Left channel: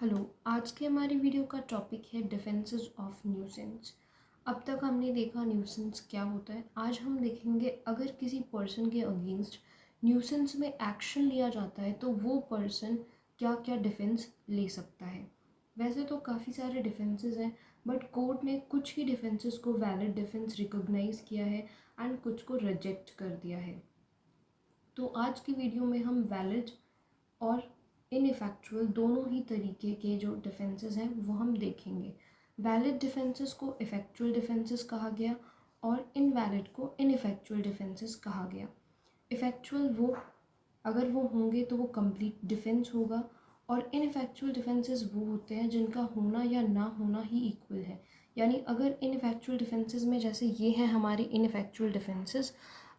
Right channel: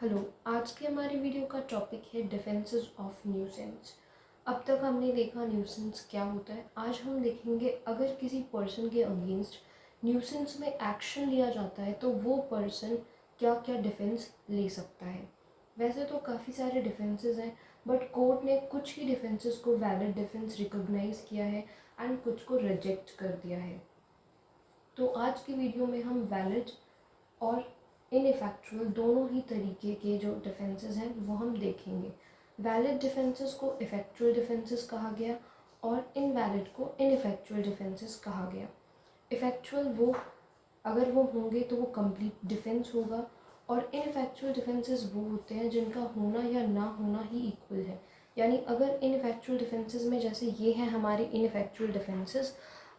Hello. आज के हमारी वीडियो का टॉपिक है डिफेंसेस ऑफ न्यूसेंस। अब तक हमने देखा न्यूसेंस क्या होता है। आज हम देखेंगे अगर किसी पर्सन के अगेंस्ट न्यूसेंस में एक्शन लिया जाता है तो वो पर्सन क्या क्या डिफेंस ले सकता है। वैसे तो काफ़ी सारे डिफेंसेस हैं, बट कोर्ट ने कुछ ही डिफेंसेस को वैलिड डिफेंस रिकॉग्नाइज किया है एंड कुछ को रिजेक्ट कर दिया है। तो आज की वीडियो में हम वैलिड और इनफैक्चुअल दोनों ही तरीके के जो डिफेंसेस हैं वो हम देखेंगे। वैलिड डिफेंसेस को इफेक्चुअल डिफेंसेस कहा गया और इनवैलिड को इनफैक्चुअल डिफेंसेस कहा गया। इफेक्चुअल वो अगर वो होंगे तो वो कंप्लीट डिफेंस होगा, और इनफैक्चुअल डिफेंसेस वो होते हैं जिनका होना या ना होना ही इक्वल है। यानी अगर इनफैक्चुअल डिफेंसेस में जैसे ये हैं हमारे इनफैक्चुअल डिफेंसेस,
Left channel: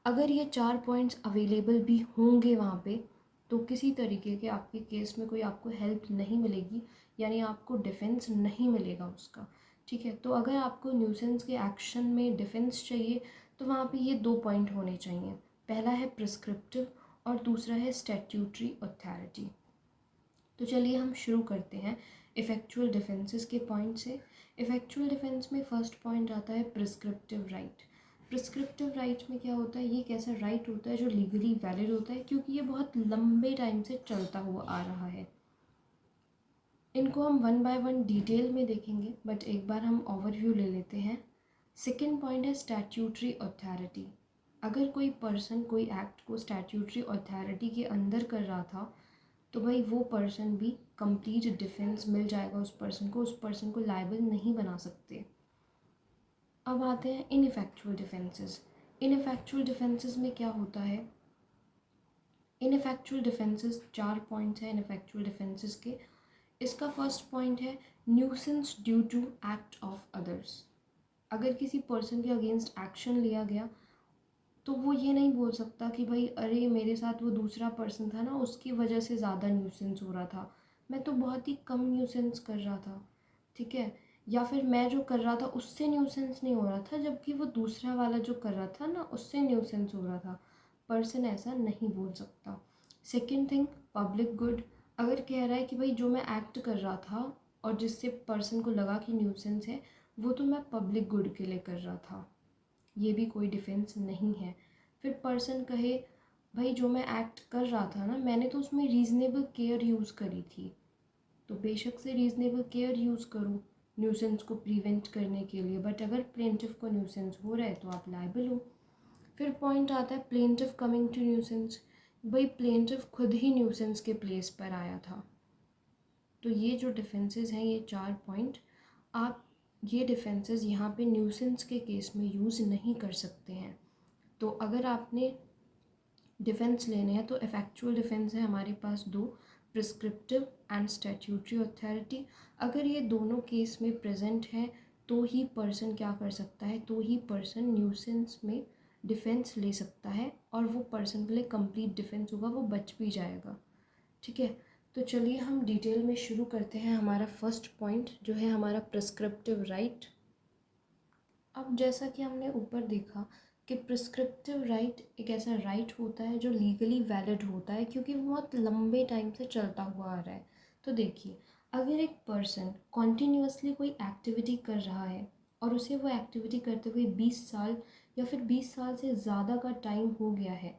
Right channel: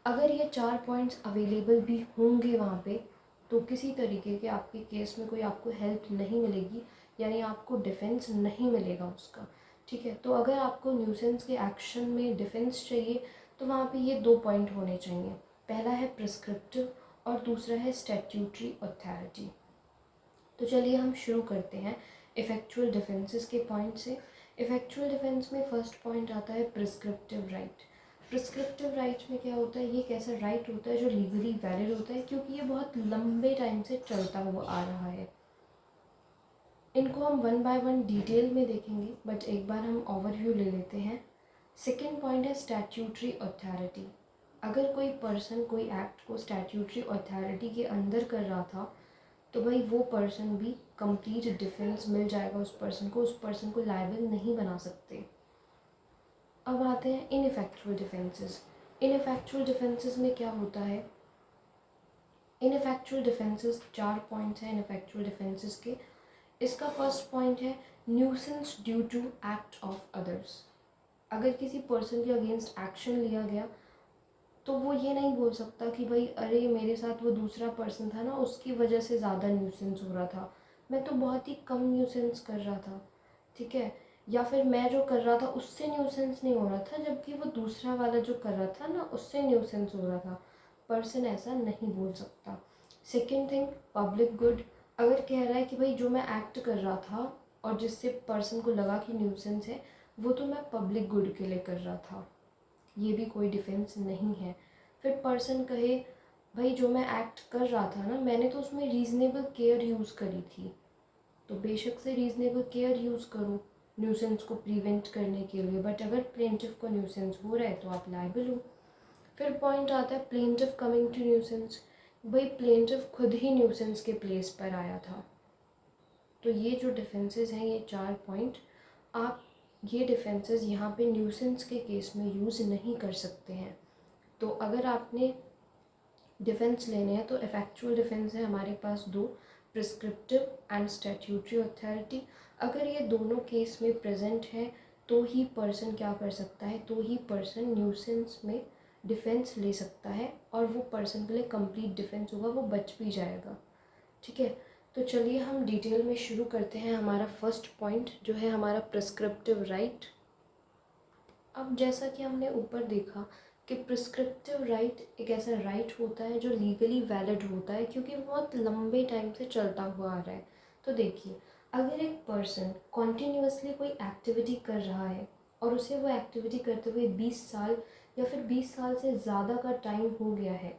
अगर ये 4 पॉइंट्स अवेलेबल भी होंगे वहाँ पे तो किसी तरीके के आपके केस में कोई आपको हेल्प नहीं मिलेगी, यानी आपको डिफेंस नहीं मिलेगा उसका। ठीक है, तो अगर आपको न्यूसेंस के एक्शन में डिफेंस चाहिए तो वहाँ पे ये 2 पॉइंट होने चाहिए। पहला है प्रिस्क्रिप्टिव और दूसरा है स्टैट्यूटरी अथॉरिटी। तो चलिए हम शुरू करते हैं इफेक्चुअल डिफेंसेस के पॉइंट से। इफेक्चुअल डिफेंस में फर्स्ट पॉइंट आता है प्रिस्क्रिप्टिव राइट। प्रिस्क्रिप्टिव राइट में क्या होता है, ये एक ऐसा राइट होता है जो लीगली वैलिड होता है क्योंकि ये बहुत लंबे टाइम से चलता हुआ आ रहा है। इनको हम वन बाय वन डिटेल में देखेंगे, बट एक बार हम ओवरव्यू ले लेते हैं। सेकेंड पॉइंट है स्टैट्यूटरी अथॉरिटी। अगर कोई पर्सन कोई एक्ट को स्टैट्यूटरी अथॉरिटी के अंदर कर रहा था तो भाई वो पर्सन भी कंप्लीट डिफेंस मिल जाएगा उस पर्सन को, उस पर्सन को लायबल नहीं बना सकते। अब आते हैं इनफैक्चुअल डिफेंसेस। इनफैक्चुअल डिफेंसेस में क्या होता है, इनफैक्चुअल डिफेंसेस 4 पॉइंट्स हैं इनफैक्चुअल डिफेंसेस के। इसका फर्स्ट पॉइंट है nuisance due to act of others. अगर किसी पर्सन के अगेंस्ट एक्शन लिया गया तो वो ये नहीं बोल सकता कि भाई अरे मेरे साथ वो दूसरा पर्सन था ना, उसकी वजह से ज़्यादा न्यूसेंस हो रहा था, मैं तो बहुत ही कम न्यूसेंस कर रहा था। ठीक है, या फिर मैं जो कर रहा था उससे न्यूसेंस नहीं हो रहा था जबकि वो दूसरा वाला जो कर रहा था ना उससे न्यूसेंस हो रहा था। पर्सन ऐसा नहीं बोल सकता। Second thing, public good. अगर कह रहा है कि भाई जो मैं एक्ट कर रहा था और जिससे पर्सन को लगा कि न्यूसेंस है वो तो मैं पब्लिक गुड के लिए कर रहा था, ये भी कोई डिफेंस नहीं है। फिर पर्सन कहे भाई जो मैं एक्ट कर रहा था ना मैंने तो उसमें रीज़नेबल केयर यूज़ करी थी, तो बेशक से रीज़नेबल केयर यूज़ करो न्यूसेंस को प्रिवेंट करने के लिए, बट अगर प्लेंटिफ को न्यूसेंस हो रहा है तो आप लायबल हो। फिर पॉइंट आता है प्लेंटिफ कमिंग टू न्यूसेंस। भाई प्लेंटिफ खुद ही न्यूसेंस के प्लेस पर आया था। तो ये जो डिफेंसेस हैं ये 4 पॉइंट, आप ये डिफेंसेस यहाँ पे न्यूसेंस के केस में यूज़ नहीं कर सकते हैं। तो अगर आपने डिफेंस लेने हैं तो इफेक्चुअल डिफेंस है हमारे पास 2, प्रिस्क्रिप्टिव एंड स्टैट्यूटरी अथॉरिटी। अगर ये दोनों केस में प्रेजेंट है तो ही पर्सन क्या कर सकता है, तो ही पर्सन न्यूसेंस में डिफेंस ले सकता है और वो पर्सन के लिए कंप्लीट डिफेंस होगा, वो बच भी जाएगा। ठीक है, तो चलिए हम डिटेल में शुरू करते हैं। हमारा फर्स्ट पॉइंट जो है हमारा प्रिस्क्रिप्टिव राइट। अब जैसा कि हमने ऊपर देखा कि प्रिस्क्रिप्टिव राइट एक ऐसा राइट होता है जो लीगली वैलिड होता है क्योंकि वो बहुत लंबे टाइम से चलता हुआ आ रहा है। तो देखिए, अगर एक पर्सन कॉन्टीन्यूसली कोई एक्टिविटी कर रहा है और उसे वो एक्टिविटी करते हुए 20 साल या फिर 20 साल से ज़्यादा का टाइम हो गया है,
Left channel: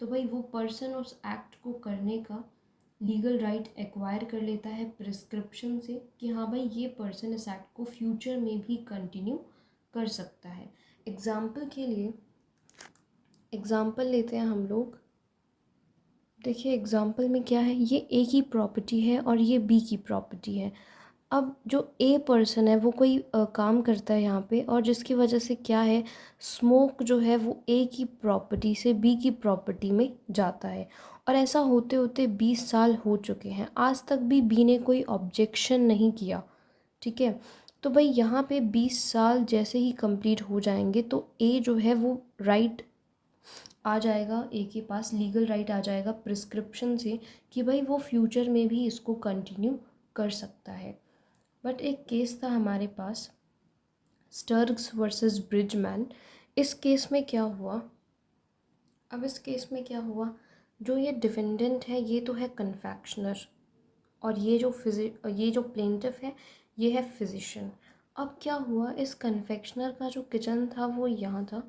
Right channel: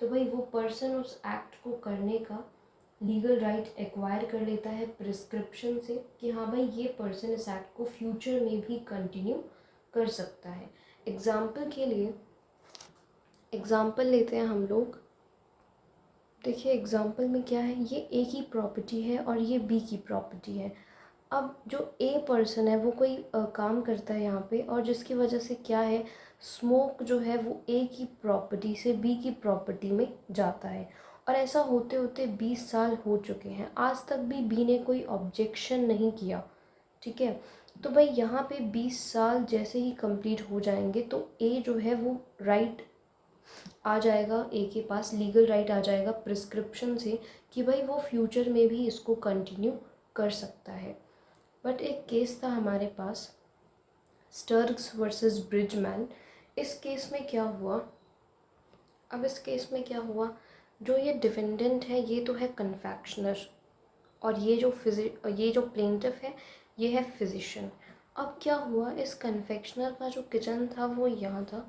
तो भाई वो पर्सन उस एक्ट को करने का लीगल राइट एक्वायर कर लेता है प्रिस्क्रिप्शन से कि हाँ भाई ये पर्सन इस एक्ट को फ्यूचर में भी कंटिन्यू कर सकता है। एग्ज़ाम्पल के लिए एग्ज़ाम्पल लेते हैं हम लोग। देखिए एग्ज़ाम्पल में क्या है, ये ए की प्रॉपर्टी है और ये बी की प्रॉपर्टी है। अब जो ए पर्सन है वो कोई काम करता है यहाँ पे, और जिसकी वजह से क्या है, स्मोक जो है वो ए की प्रॉपर्टी से बी की प्रॉपर्टी में जाता है। और ऐसा होते होते 20 साल हो चुके हैं, आज तक भी बी ने कोई ऑब्जेक्शन नहीं किया। ठीक है, तो भाई यहाँ पे 20 साल जैसे ही कंप्लीट हो जाएंगे तो ए जो है वो राइट आ जाएगा, ए के पास लीगल राइट आ जाएगा प्रिस्क्रिप्शन से कि भाई वो फ्यूचर में भी इसको कंटिन्यू कर सकता है। बट एक केस था हमारे पास, स्टर्ग्स वर्सेस ब्रिजमैन। इस केस में क्या हुआ, अब इस केस में क्या हुआ, जो ये डिफेंडेंट है ये तो है कन्फेक्शनर, और ये जो प्लेंटिफ है ये है फिजिशियन। अब क्या हुआ, इस कन्फेक्शनर का जो किचन था वो यहाँ था,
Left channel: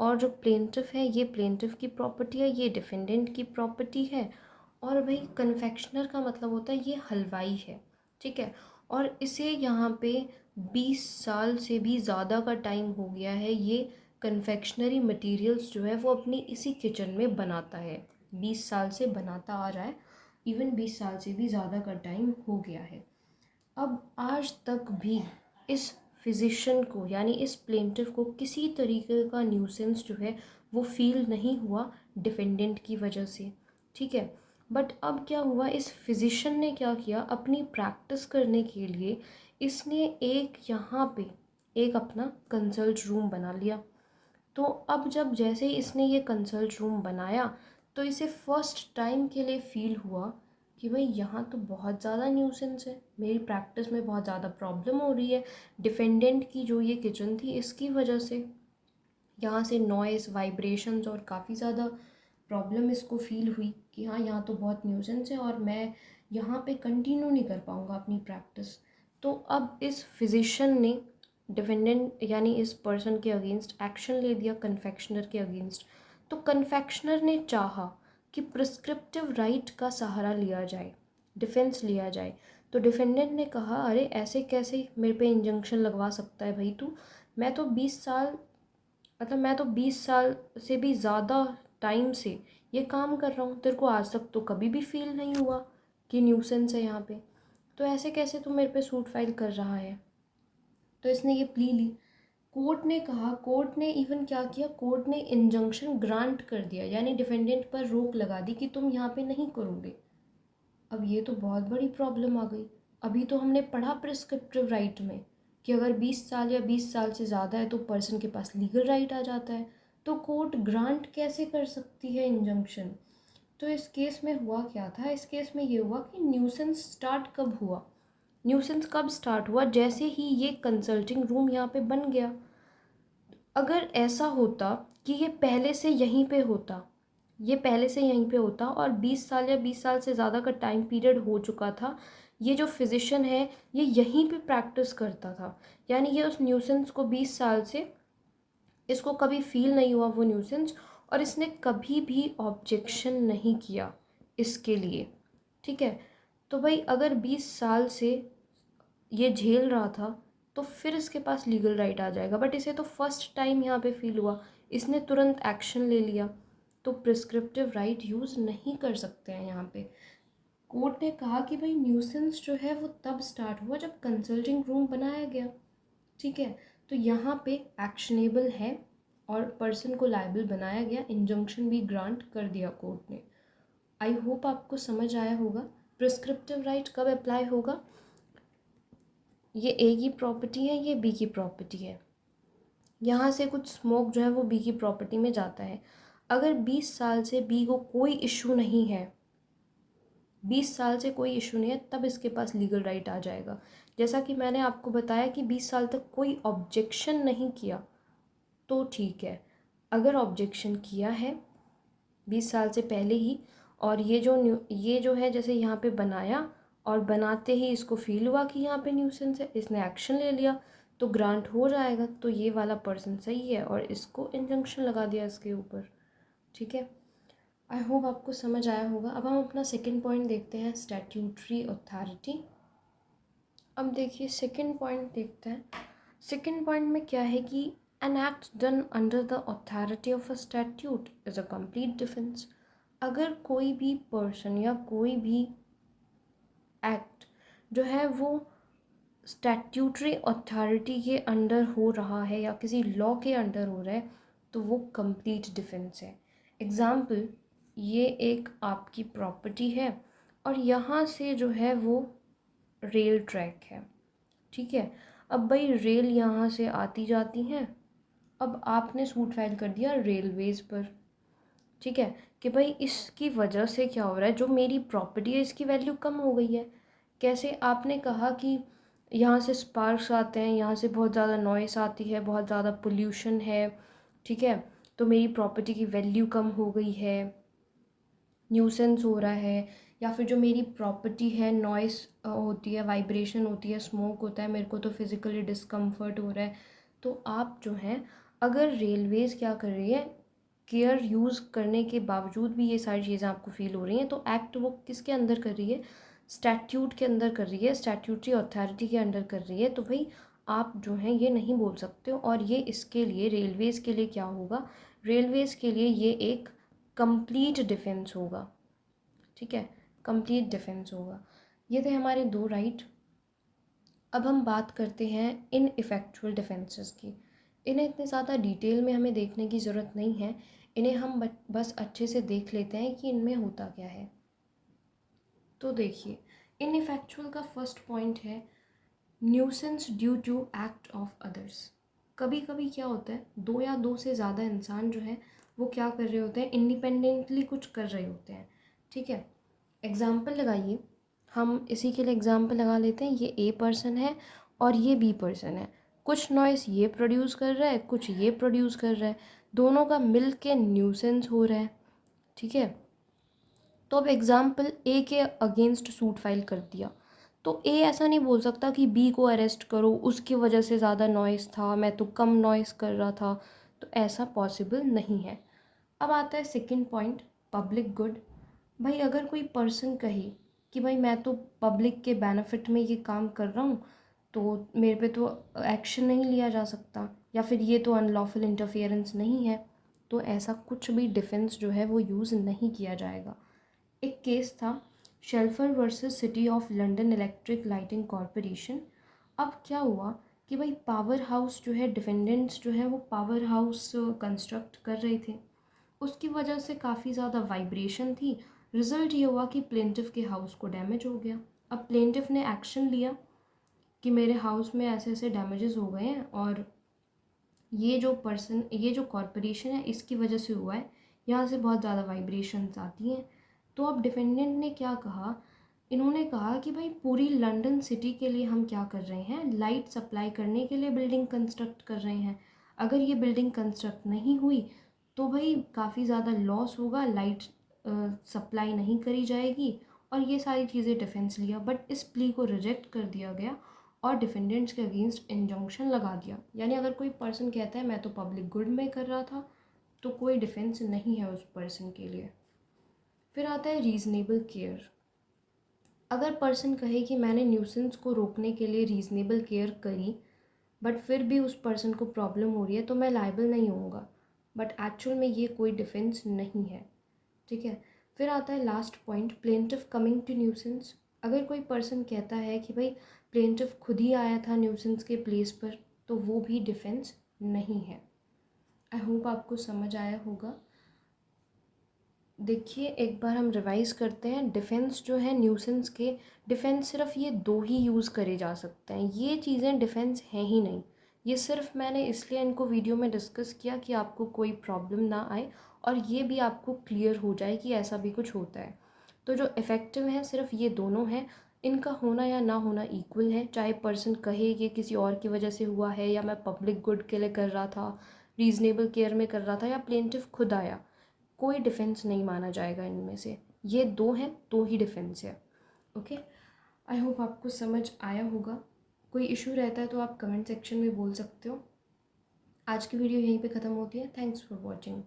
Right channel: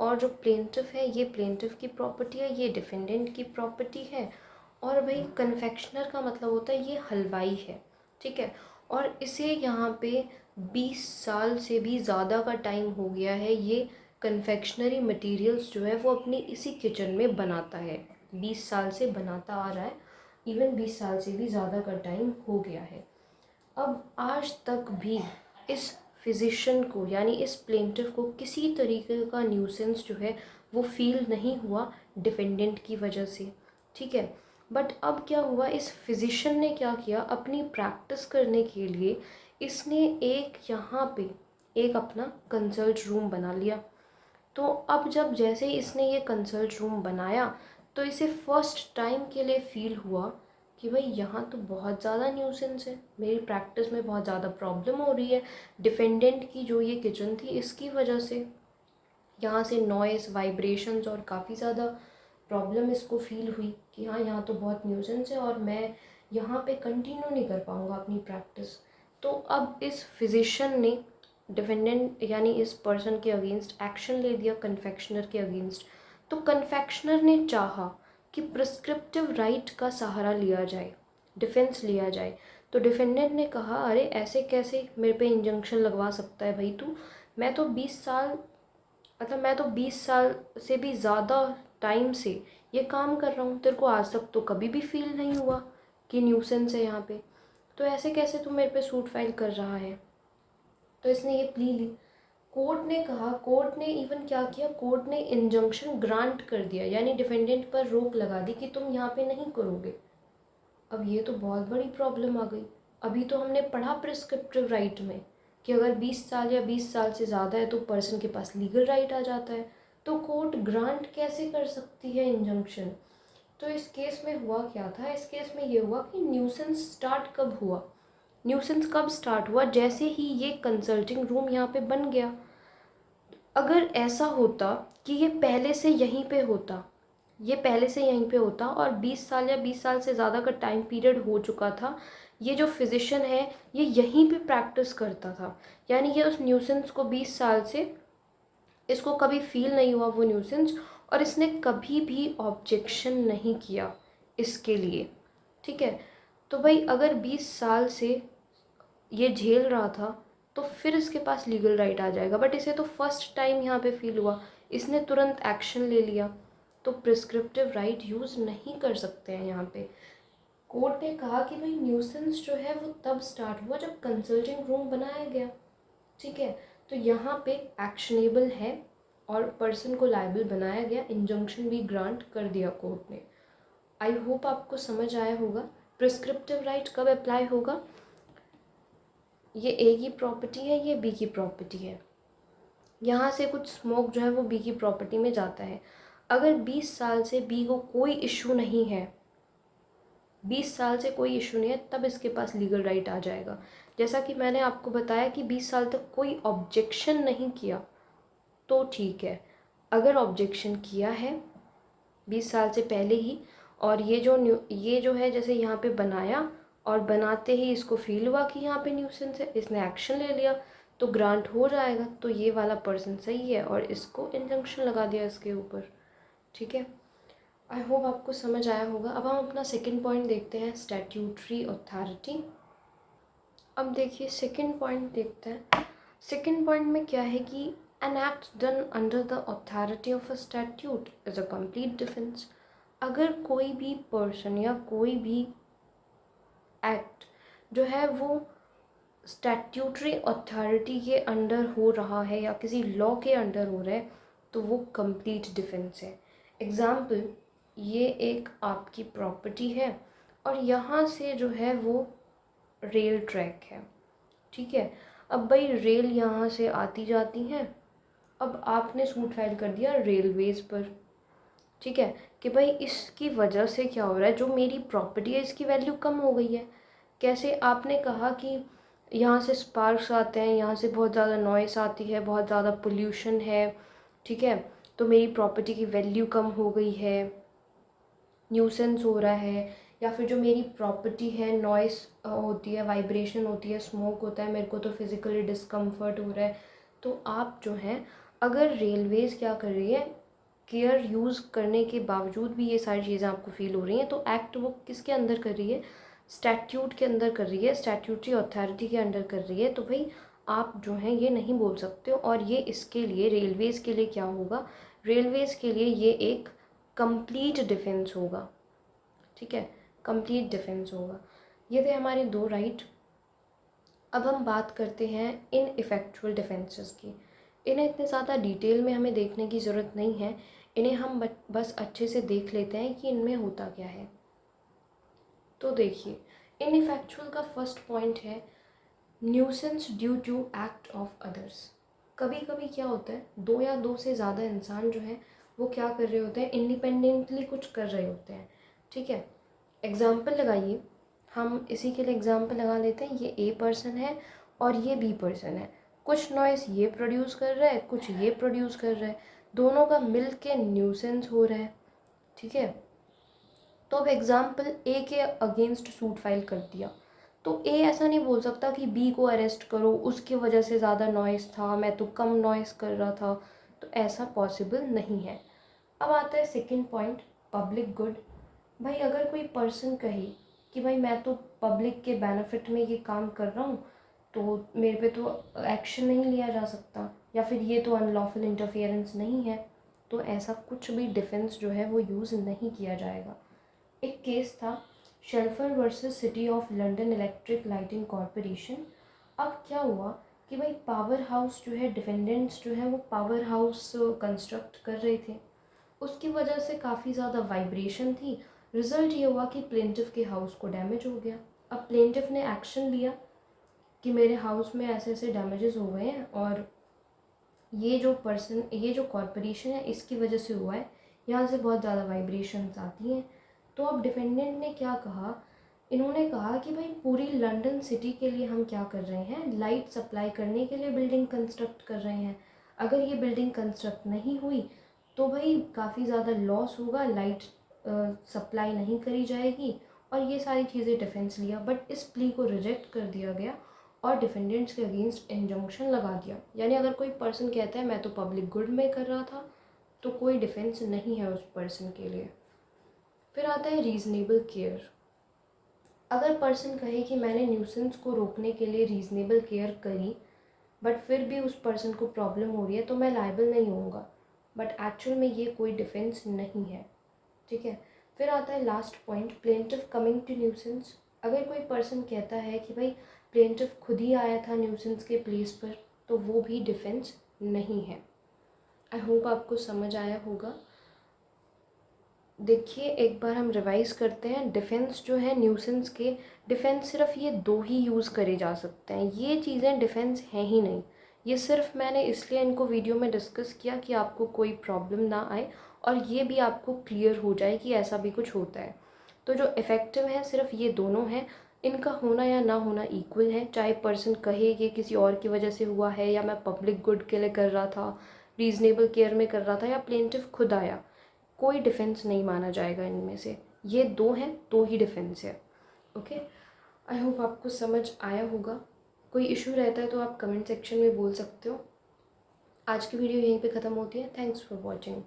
और जो प्लेंटिफ है ये प्लेंटिफ की प्रॉपर्टी है, ये डिफेंडेंट की प्रॉपर्टी है। और भाई कन्फेक्शनर का मतलब होता है ये हलवाई है, ठीक है। और इसे यहाँ पे 20 साल से भी ज़्यादा का टाइम हो गया है, ये कन्फेक्शनरी मटेरियल्स जो है वो अपनी इसी किचन में बनाता है, 20 साल से बनाता आ रहा है, इवन 20 साल से भी ज़्यादा का टाइम हो गया है। अब आज तक भी इस फिजिशियन को यानी इस प्लेंटिफ को किसी तरीके का न्यूसेंस जो है वो फील नहीं हुआ डिफेंडेंट की वजह से, ठीक है। बट अब क्या हुआ, इस फिजिशियन ने क्या किया, अपनी प्रैक्टिस करने के लिए इसने एक यहाँ पे एक अपना कंसल्ट रूम बना लिया। तो अब जब जैसे ही इसने ये कंसल्ट रूम बनाया तो इसे फर्स्ट टाइम के लिए फील हुआ कि भाई यहाँ तो बहुत ज़्यादा न्यूसेंस है, मेरी प्रैक्टिस में बहुत ज़्यादा प्रॉब्लम हो रही है, डिफेंडेंट की जो ये किचन थी इसकी वजह से यहाँ से नॉइस, वाइब्रेशंस और काफ़ी ज़्यादा प्रॉब्लम इसको फील हुई कि हाँ यहाँ तो बहुत न्यूसेंस है और मैं यहाँ पे कंटिन्यू नहीं कर पाऊँगा अपनी प्रैक्टिस। तो अब इस फिजिशियन ने डिफेंडेंट यानी इस पर्सन के अगेंस्ट एक्शन ले दिया, कन्फेक्शनर के अगेंस्ट। तो कन्फेक्शनर ने चाहा कि प्रिस्क्रिप्टिव राइट का सहारा लिया जाए, डिफेंस लिया जाए। तो डिफेंडेंट ने कहा अरे ऐसे कैसे मेरे पे इंजंक्शन लगवा सकता है भाई तू, मैं तो 20 साल से भी ज़्यादा टाइम से ये काम कर रहा हूँ, तेरे को आज तक तो कभी भी फील नहीं हुआ कि न्यूसेंस है यहाँ पे, तो ऐसे कैसे तू मेरे पे सूट फाइल कर रहा है। तो इसने ये प्ली ली। कोर्ट ने कहा, कोर्ट ने इवन क्या किया, कोर्ट ने इंजंक्शन ग्रांट कर दिया, यानी डिफेंडेंट पर रोक लगा दी कि तुम यहाँ पे नहीं करोगे। अब ये तो बहुत बड़ी प्रॉब्लम आ गई। अभी तो हमने पढ़ा प्रिस्क्रिप्टिव राइट में कि अगर 20 साल या 20 साल से ज़्यादा है तो पर्सन के पास लीगल राइट आ जाता है, तो कोर्ट ग्रांट कैसे कर सकती है इंजंक्शन। तो इस केस में हुआ क्या था, इस केस में ये हुआ कि न्यूसेंस स्टार्ट कब हुआ, न्यूसेंस कब स्टार्ट हुआ, जैसे ही ये कंसल्टिंग रूम यहाँ पे बन गया। अगर ऐसा होता कि ये पहले से यहीं पे होता, ये पहले से यहीं पे होता और 20 साल या 20 साल से ज़्यादा का टाइम पीरियड हो चुका था, ये जो फिजिशियन है ये यहीं पे प्रैक्टिस करता था, यानी ये उस न्यूसेंस को 20 साल से इसको कभी फील नहीं हुआ वो न्यूसेंस, और इसने कभी भी ऑब्जेक्शन नहीं किया इसके लिए, ठीक है। तो भाई अगर 20 साल से ये झेल रहा था तो फिर इसके पास लीगल राइट आ जाएगा, बट इसे तो फर्स्ट टाइम यहाँ पे फील हुआ, इसने तुरंत एक्शन ले लिया, तो प्रिस्क्रिप्टिव राइट यूज़ नहीं कर सकते हैं यहाँ पे। कोर्ट ने कहा कि भाई न्यूसेंस जो है वो तब स्टार्ट हुआ जब कंसल्टिंग रूम बनाया गया, ठीक है। तो यहाँ पे एक्शनेबल है और पर्सन को लायबल बनाया गया, इंजंक्शन भी ग्रांट कर दिया कोर्ट ने। आई होप आपको समझ आया होगा प्रिस्क्रिप्टिव राइट कब अप्लाई होगा। ये ए की प्रॉपर्टी है, ये बी की प्रॉपर्टी है, यहाँ से कुछ स्मोक जो है वो बी की प्रॉपर्टी में जाता है। अगर 20 साल से बी को कोई इशू नहीं है, 20 साल से कोई इशू नहीं है, तब इसके पास लीगल राइट आ जाएगा। जैसा कि मैंने आपको बताया कि 20 साल तक कोई ऑब्जेक्शन नहीं किया तो ठीक है। अगर ऑब्जेक्शन किया है 20 साल से पहले ही, और ये जो है जैसे यहाँ पे बनाया और बनाते ही इसको फील हुआ कि यहाँ पे न्यूसेंस है, इसने एक्शन ले लिया, तो ग्रांट हो जाएगा। तो ये वाला पर्सन सही है और इसको इंजंक्शन लगा दिया इसके ऊपर, ठीक है। आई होप आपको समझ आया होगा। अब हम अपना सेकंड पॉइंट देखते हैं, स्टैट्यूटरी अथॉरिटी। अब देखिए सेकंड पॉइंट देखते हैं। सेकंड पॉइंट में क्या है कि an act done under the authority of a statute is a complete defence. अगर कोई भी पर्सन या कोई भी एक्ट जो है वो स्टैट्यूटरी अथॉरिटी के अंडर हो रहा है या किसी लॉ के अंडर हो रहा है तो वो कंप्लीट डिफेंस है। एग्ज़ाम्पल, ये एक आपकी प्रॉपर्टी है और यहाँ से जो है वो रेल ट्रैक है, ठीक है। अब भाई रेल यहाँ से आती जाती हैं, अब आपने सूट फाइल कर दिया रेलवेज़ पर, ठीक है, कि भाई इसकी वजह से क्या हो रहा है, जो मेरी प्रॉपर्टी है इसकी वैल्यू कम हो गई है। कैसे, आपने कहा कि यहाँ से स्पार्क्स आते हैं, यहाँ से बहुत ज़्यादा नॉइस आती है, बहुत ज़्यादा पोल्यूशन है, ठीक है, तो मेरी प्रॉपर्टी की वैल्यू कम हो गई है, न्यूसेंस हो रहा है, या फिर जो मेरी प्रॉपर्टी है, नॉइस होती है, वाइब्रेशन होती है, स्मोक होता है, मेरे को तो फिज़िकली डिस्कम्फर्ट हो रहा है। तो आप जो हैं, अगर रेलवेज़ क्या कर रही है, केयर यूज़ करने के बावजूद भी ये सारी चीज़ें आपको फील हो रही हैं, तो एक्ट वो किसके अंदर कर रही है, स्टैट्यूट के अंदर कर रही है, स्टैट्यूटरी अथॉरिटी के अंडर कर रही है। तो भाई आप जो हैं ये नहीं बोल सकते हो। और ये इसके लिए रेलवेज़ के लिए क्या होगा, रेलवेज़ के लिए ये एक कंप्लीट डिफेंस होगा। ठीक है, कंप्लीट डिफेंस होगा। ये थे हमारे दो राइट। अब हम बात करते हैं इन इफ़ेक्चुअल डिफेंसेस की। इन्हें इतने ज़्यादा डिटेल में हमें देखने की ज़रूरत नहीं है, इन्हें हम बस अच्छे से देख लेते हैं कि इनमें होता क्या है। तो देखिए, इन इफ़ेक्चुअल का फर्स्ट पॉइंट है nuisance due to act of others. कभी कभी क्या होता है, दो या दो से ज़्यादा इंसान जो है वो क्या कर रहे होते हैं, इंडिपेंडेंटली कुछ कर रहे होते हैं। ठीक है, एग्ज़ाम्पल लगाइए, हम इसी के लिए एग्ज़ाम्पल लगा लेते हैं। ये ए पर्सन है और ये बी पर्सन है। कुछ नॉइस ये प्रोड्यूस कर रहा है, कुछ ये प्रोड्यूस कर रहा है, दोनों का मिल के न्यूसेंस हो रहा है। ठीक है, तो अब एग्ज़ाम्पल ए के अगेंस्ट सूट फाइल कर दिया, तो ए ऐसा नहीं बोल सकता कि बी को अरेस्ट करो, उसकी वजह से ज़्यादा नॉइस था, मैं तो कम नॉइस कर रहा था। तो ऐसा पॉसिबल नहीं है। अब आता है सेकंड पॉइंट, पब्लिक गुड। भाई अगर कोई पर्सन कहे कि भाई मैं तो पब्लिक के बेनिफिट में ये काम कर रहा हूँ, तो मेरे पे तो एक्शन नहीं लिया जा सकता, या फिर ये तो अनलॉफुल इंटरफियरेंस नहीं है, तो ऐसा कुछ भी डिफेंस जो है वो यूज़ नहीं किया जाएगा। एक केस था, Shelfer versus City of London Electric Lighting Corporation. अब क्या हुआ कि भाई पावर हाउस जो है, डिफेंडेंट्स जो है वो पावर हाउस कंस्ट्रक्ट कर रहे थे, उसकी वजह से काफ़ी ज़्यादा वाइब्रेशन थी। रिज़ल्ट ये हुआ कि प्लेंटिफ के हाउस को डैमेज हो गया। अब प्लेंटिफ ने एक्शन लिया कि मेरे हाउस में ऐसे ऐसे डैमेजेस हो गए हैं, और ये जो कॉरपोरेशन है इसकी वजह से हुआ है, यहाँ से बहुत ज़्यादा वाइब्रेशंस आती हैं। तो अब डिफेंडेंट ने क्या कहा, इन्होंने कहा कि भाई पूरी लंदन सिटी के लिए हम क्या कर रहे हैं, लाइट सप्लाई करने के लिए बिल्डिंग कंस्ट्रक्ट कर रहे हैं। अगर ये बिल्डिंग कंस्ट्रक्ट नहीं हुई तो भाई काफ़ी ज़्यादा लॉस होगा, लाइट सप्लाई नहीं करी जाएगी, और ये सारी चीज़ें डिफेंस लिया। बट इस प्ली को रिजेक्ट कर दिया गया और डिफेंडेंट्स के अगेंस्ट इंजंक्शन लगा दिया। यानी अगर कोई पर्सन कहता है मैं तो पब्लिक गुड में कर रहा था, तो कोई डिफेंस नहीं है उस पर्सन के लिए। फिर आता है रीज़नेबल केयर। अगर पर्सन कहे कि मैंने न्यूसेंस को रोकने के लिए रीज़नेबल केयर करी, बट फिर भी उस पर्सन को प्रॉब्लम हो रही है, तो मैं लायबल नहीं होऊंगा। बट एक्चुअल में ये कोई डिफेंस नहीं है। ठीक है, फिर आता है last point, plaintiff coming to nuisance. अगर कोई पर्सन कहता है कि भाई प्लेंटिफ खुद ही आया था न्यूसेंस के प्लेस पर, तो वो भी डिफेंस नहीं है। आई होप आपको समझ आया होगा। देखिए, एक बार हम रिवाइज़ करते हैं। डिफेंस जो है न्यूसेंस के, डिफेंस सिर्फ ये दो ही यूज़ करे जा सकते हैं, ये चीज़ें डिफेंस हैं ही नहीं। ये सिर्फ मैंने इसलिए इनको वीडियो में डिस्कस किया कि आपको कोई प्रॉब्लम ना आए, और ये भी आपको क्लियर हो जाए कि ऐसा भी कुछ होता है। तो जो इफ़ेक्टिव है सिर्फ ये दोनों हैं, इनका होना या ना होना इक्वल है। चाहे पर्सन कहे कि किसी और की वजह से हुआ है, या मैं पब्लिक गुड के लिए कर रहा था, रीज़नेबल केयर में कर रहा था, या प्लेंटिफ खुद आया, कोई डिफेंस नहीं माना जाएगा इनमें से। ये दो हैं, दो ही डिफेंस है। ओके, आई होप आपको समझ आया होगा। कोई इशू रहता है तो आप कमेंट सेक्शन में बोल सकते हो। आज की वीडियो यहीं पे ख़त्म होती है। Thanks for watching.